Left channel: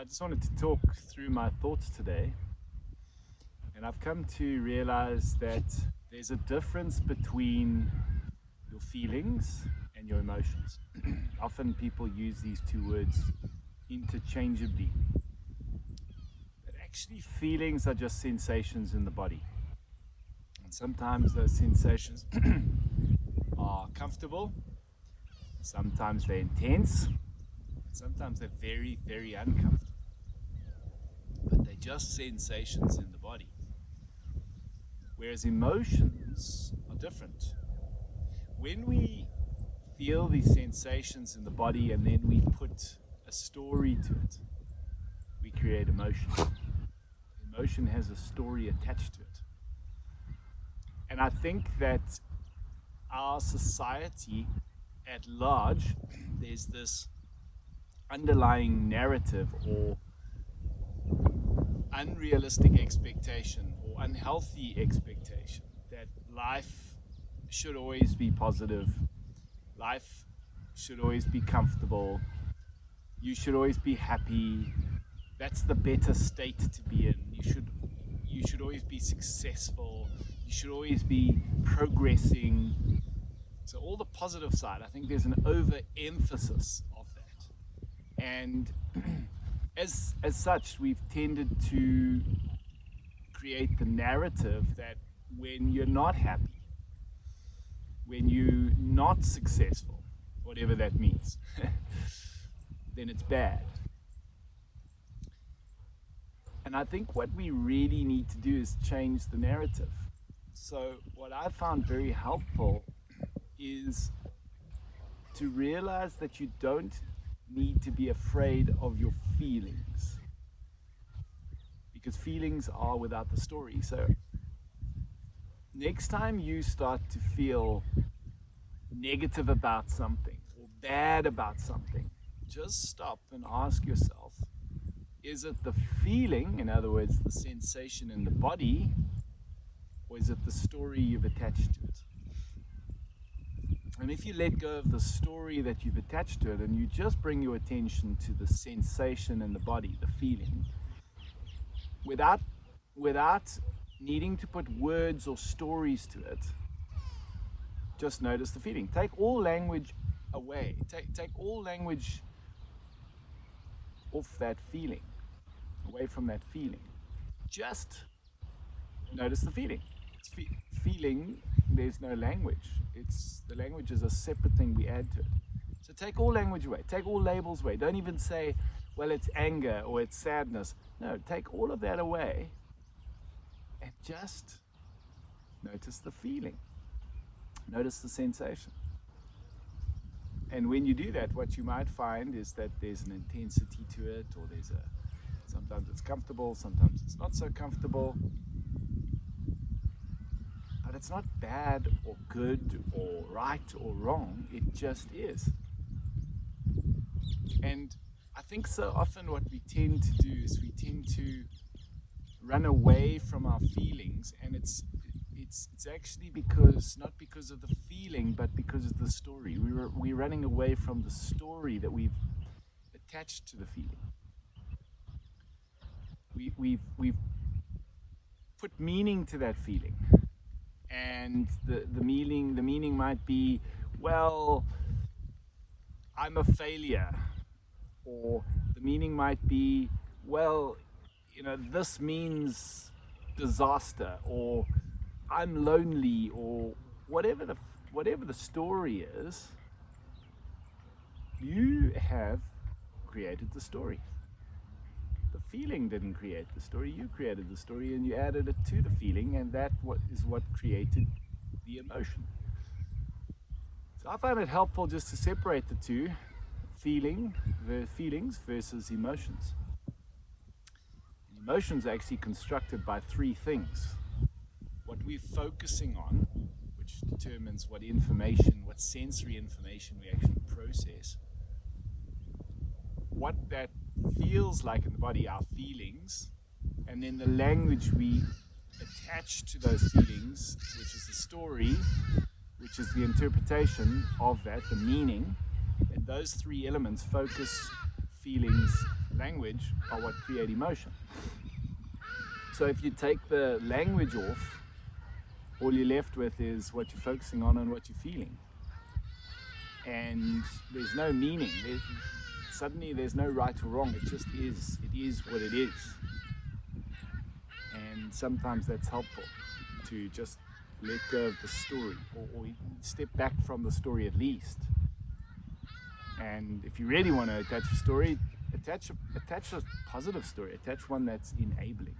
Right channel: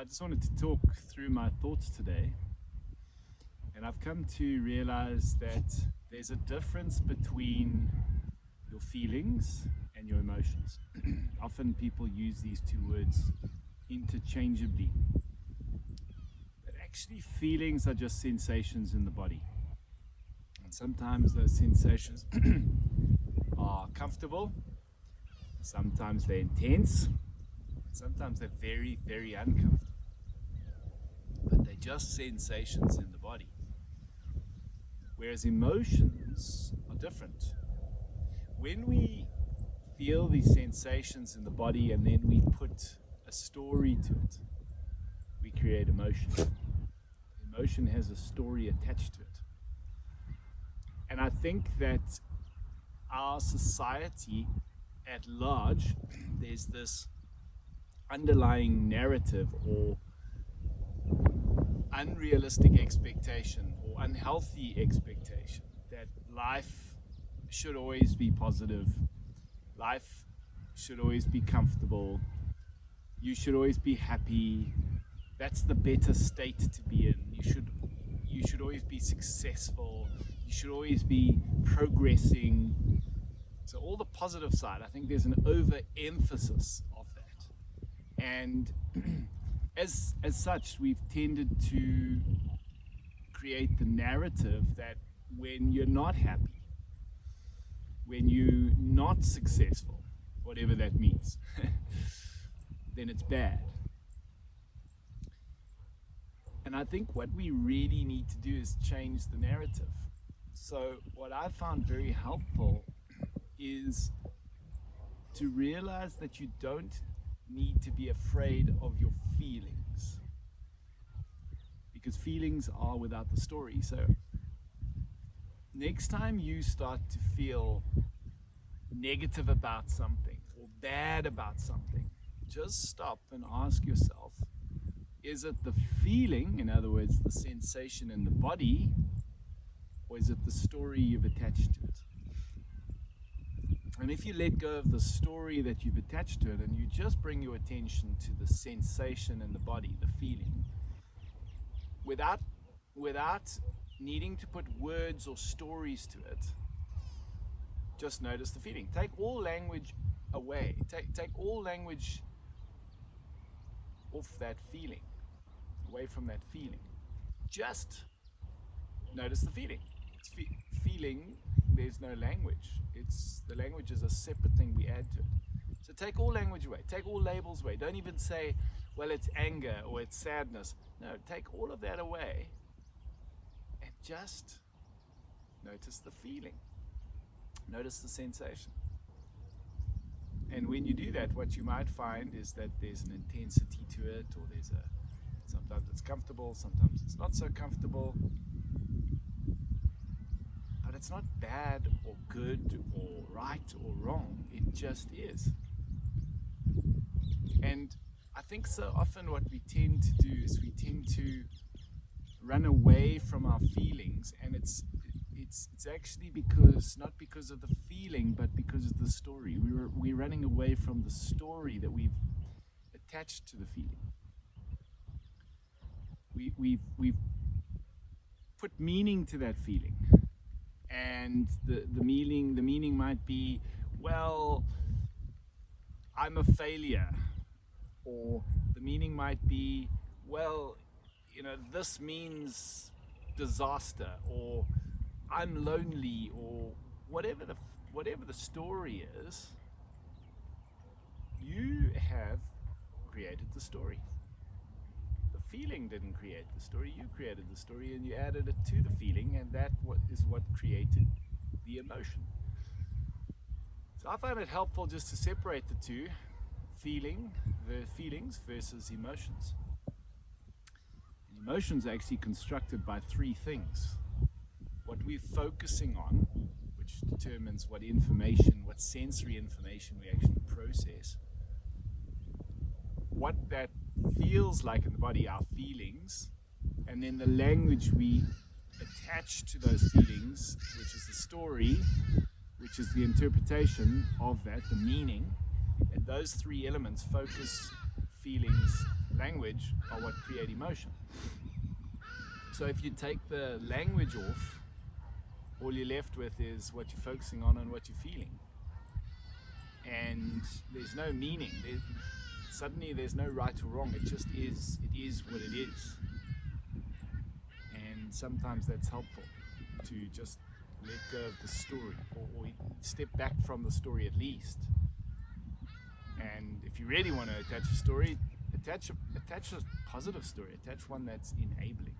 I just wanted to talk through my thoughts today, and I've come to realize that there's a difference between your feelings and your emotions. Often people use these two words interchangeably, but actually feelings are just sensations in the body, and sometimes those sensations are comfortable, sometimes they're intense, sometimes they're very, very uncomfortable. But they're just sensations in the body. Whereas emotions are different. When we feel these sensations in the body and then we put a story to it, we create emotion. Emotion has a story attached to it. And I think that our society at large, there's this underlying narrative or unrealistic expectation or unhealthy expectation that life should always be positive, life should always be comfortable, you should always be happy, that's the better state to be in, you should always be successful, you should always be progressing. So all the positive side, I think there's an overemphasis of that. And as such, we've tended to create the narrative that when you're not happy, when you're not successful, whatever that means, then it's bad. And I think what we really need to do is change the narrative. So what I found very helpful is to realize that you don't need to be afraid of your feelings, because feelings are without the story. So next time you start to feel negative about something or bad about something, just stop and ask yourself, is it the feeling, in other words the sensation in the body, or is it the story you've attached to it? And if you let go of the story that you've attached to it and you just bring your attention to the sensation in the body, the feeling, without needing to put words or stories to it, just notice the feeling. Take all language away. Take all language off that feeling, away from that feeling. Just notice the feeling. Feeling, there's no language. The language is a separate thing we add to it. So take all language away, take all labels away. Don't even say, well, it's anger or it's sadness. No, take all of that away and just notice the feeling. Notice the sensation. And when you do that, what you might find is that there's an intensity to it, or sometimes it's comfortable, sometimes it's not so comfortable. But it's not bad or good or right or wrong, it just is. And I think so often what we tend to do is we tend to run away from our feelings, and it's actually not because of the feeling, but because of the story. We're running away from the story that we've attached to the feeling. We've put meaning to that feeling. And the meaning might be, well, I'm a failure, or the meaning might be, well, this means disaster, or I'm lonely, or whatever the story is. You have created the story. The feeling didn't create the story, you created the story and you added it to the feeling, and that is what created the emotion. So I find it helpful just to separate the two, feelings versus emotions. And emotions are actually constructed by three things. What we're focusing on, which determines what sensory information we actually process, what that feels like in the body, our feelings, and then the language we attach to those feelings, which is the story, which is the interpretation of that, the meaning. And those three elements, focus, feelings, language are what create emotion. So if you take the language off, all you're left with is what you're focusing on and what you're feeling. And there's no meaning. Suddenly there's no right or wrong. It just is. It is what it is. And sometimes that's helpful, to just let go of the story, or step back from the story at least. And if you really want to attach a story, attach a positive story. Attach one that's enabling.